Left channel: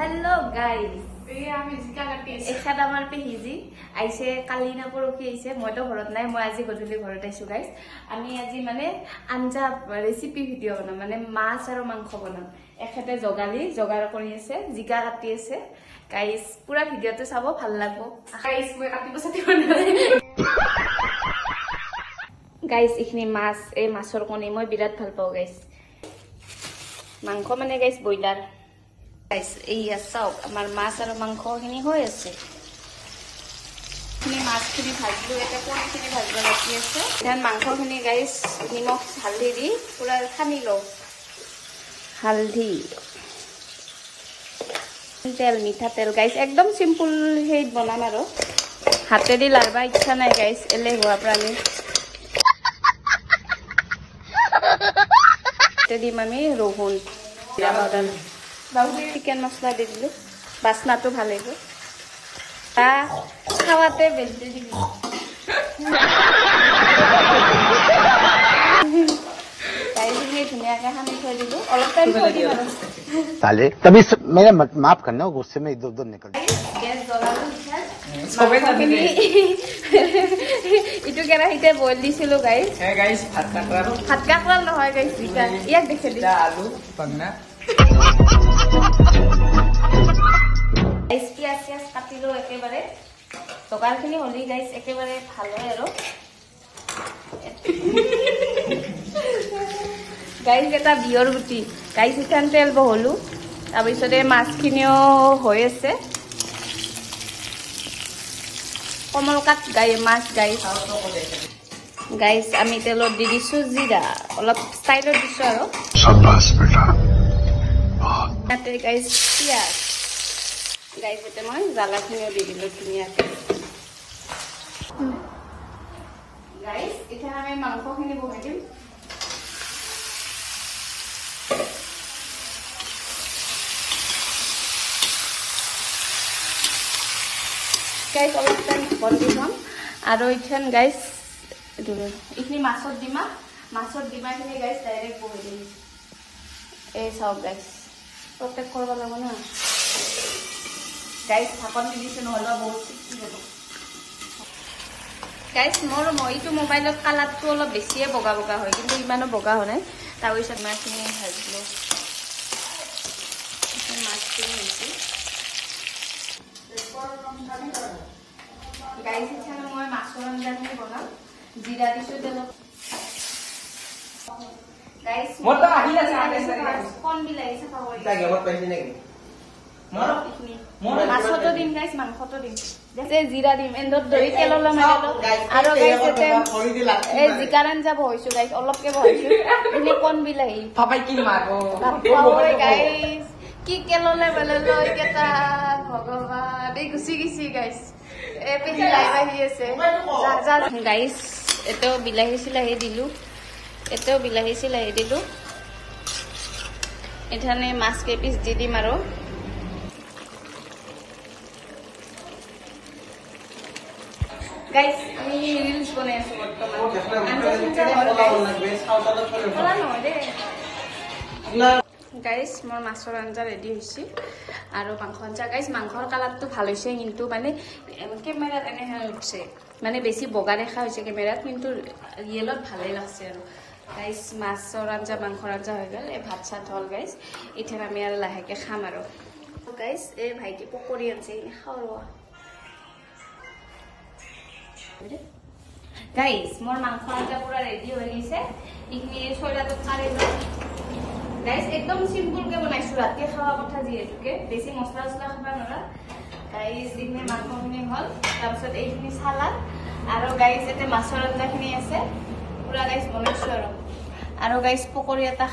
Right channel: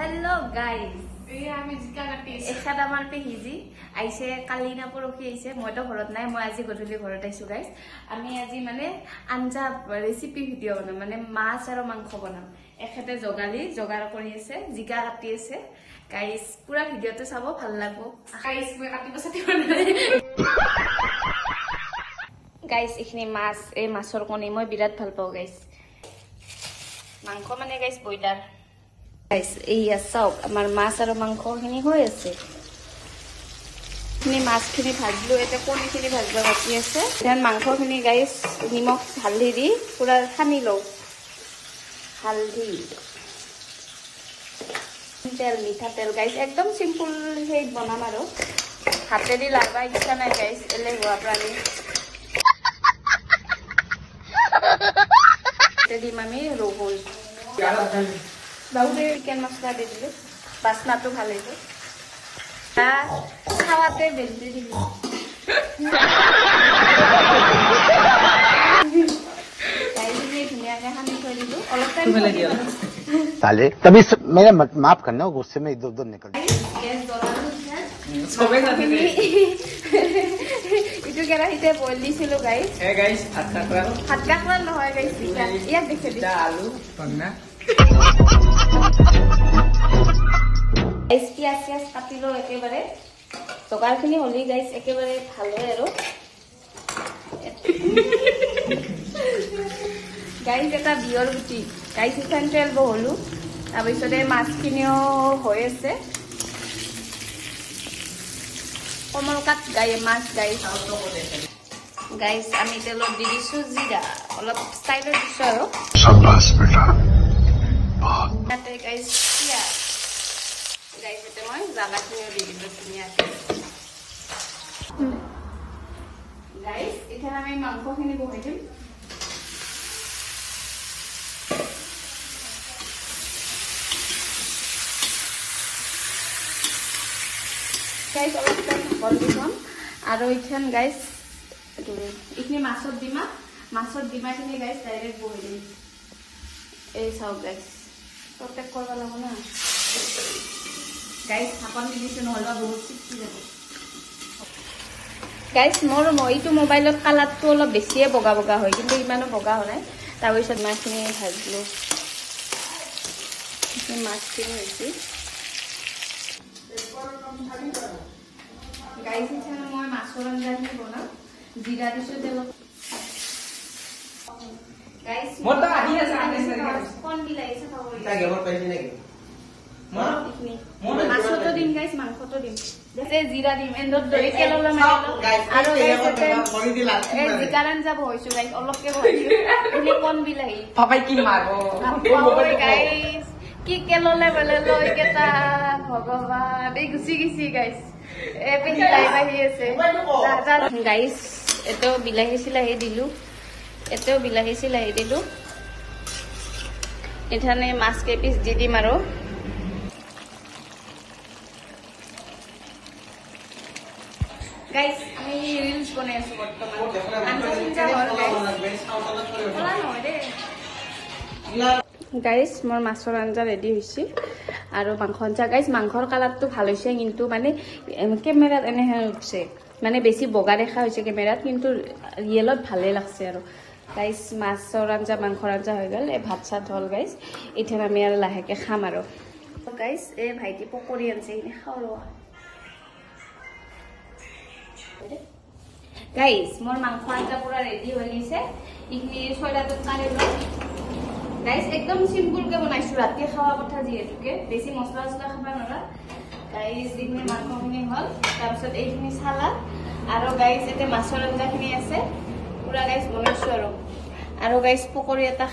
hello guys एखाद आमार पेहिजी आइसे काली ना परखी आइसे मैं तो घरत नाइ मैं आज गधुली घरत आइसु गाइस आमी आज माने आंजा रेसिपी भिडिओ बनाम माने माछ आरो मांस बनाम एखेते जगाली जगार करि आछे जिका काटि आछे गाइस पूरा भिडिओটো चाबो ভাল लागबो गाइस মই কাটিব সাথে गाइस इखनि माछ ए माछर कनि মই বিরাট ভাল পাও गाइस मांस माने गाइस बयलार गाइस एया साउक आमार माछ आरो मांसखिनि হৈ আছে নি মাছখিনি ভাজলো এটা কণিখিনি ভাজবা বাকি আছে ধান মাংসখিনি গাইস নিমখ হালধি দি পুরা সানি লও হালধি তেল মিঠা তেল গাইস একদম সিম্পল হেই বনাম আৰু হাতে দি লাগা ইচ্ছা নাই গাইস এলে হোৱা প্ৰাণী তেদি মামি ৰহুন बाउदे चिकेन मसला दे दिलो बासना तो भाले गो खावाते बेंदे दिलो ताइले धनिया के हमें खा दिलो और टाइम ताले तभी मेरे माफ करना गुस्से में इधर-उधर निकल गैस जलालु सब खाबेनी इटु केना हिते बॉइल दिसिलो गाइस ए गाइस फाटका करा নহয় गाइस ইয়াক দেখে দিলা আলু পন্না प्याज काटी लो एकेबारे तोकारखिनि हलि गाइस एकेबारे भालदे आरो गाइस এটা বিয়ৰ গুটি গাইস ইখান তেল বহলু তাৰপিছতে মাছখিনিও হৈ আছে কমলকাত গাই মাছ গাই খাওতো হবে গাইস আমি তেলত দি দিছো জিৰা অলপ ষ্টাইলত দিছো আৰু শাবাশ বেটা তাতে গাইস পিয়াজ गाइस एते মই জালাখিনিও দি দিলো ধুনিয়াকে गाइस এখানে আমি মাংসখিনি বহাই দিম गाइस অলপ টাইম বন্ধ আৰু ইখান गाइस ইখিনি মাছত দিমাখিনি गाइस ডাইৰেক্ট বহাই দিম এই চাও गाइस প্ৰত্যেক কৰিব লাগিব না गाइस ঢাকন দিছো নহলবা বহুত চিকি হ'ব गाइस মোৰ মইটো মোবাইলত কালাৰটো অলপ বেছিয়ে বগা বগা হয় কিন্তু ইমানো বগা হয় না তাৰ পিছত মাছখিনি ভাজলো এই মাছখিনি হৈছে गाइस ইছানে মই মাছৰ আঞ্জাখিনি বনাম জিৰা দিছো তেলত गाइस মত আহি আছে কোন বিলাইছে পাবই লাগে ওর পয়সা নেকি মাছটো দিম গাইস মাংসটো দিম দেখে জিৰা দিম এন্দৰ দৰি কেললা মাৰো আৰু এই জিকাৰান যাব হইছো গাইস অলপকে হইছো এনে কোন বিলাহি পাপাই কি মারবো গাইস কি কেললে বলে লই কেটা ভগৱান এই গুছি গিছি গাইস এ পেহি লাইবাহি আছে যা গাইস এটো বিলাহি ছিলাহি দিলু এটো বিলাহি ছিলাহি দিলু এখানে মাছ কে পিস দি দিম আৰু गाइस আমি ৰিলস বনাই আছো বৰ্তমান আনটা চিন্তা হল गाइस মোৰ মাছৰ আঞ্জা ৰেডি হৈছে আৰু মাংস আঞ্জা गाइस মাংসৰ কালাৰটো ভাল হৈছে কিন্তু মানে ক্যামেৰাত এনে হৈছে মানে বেছি বগা দেখা হৈছে ক্যামেৰাত কিন্তু ৰিয়েলত ভালে লাগছে আৰু गाइस মাছৰ আঞ্জা মাংসৰ আঞ্জা হৈ গল এই ভাত সাত হল गाइस ইথেন আমি আৰু লাহেকে খাম আৰু गाइस এই ভাইটি পকৰি আনছে ইনে খাওয়া गाइस मोर मांस आंजा पूरा रेडी हो गइसे इखनि सोडा तो पानी गाइस एकदम सिंपल के बनाइছো राति খাওয়া কথা দিয়েছে বেশি মছলা মছলা খাবা নৰা गाइस ইনে মাংসখিনি হল তাৰপিছত এইখিনি সালাড আৰু गाइस এতে মাছৰ আঞ্জাখিনি আছে পুৰা गाइस বনাইছো আৰু गाइस পকৰি এটা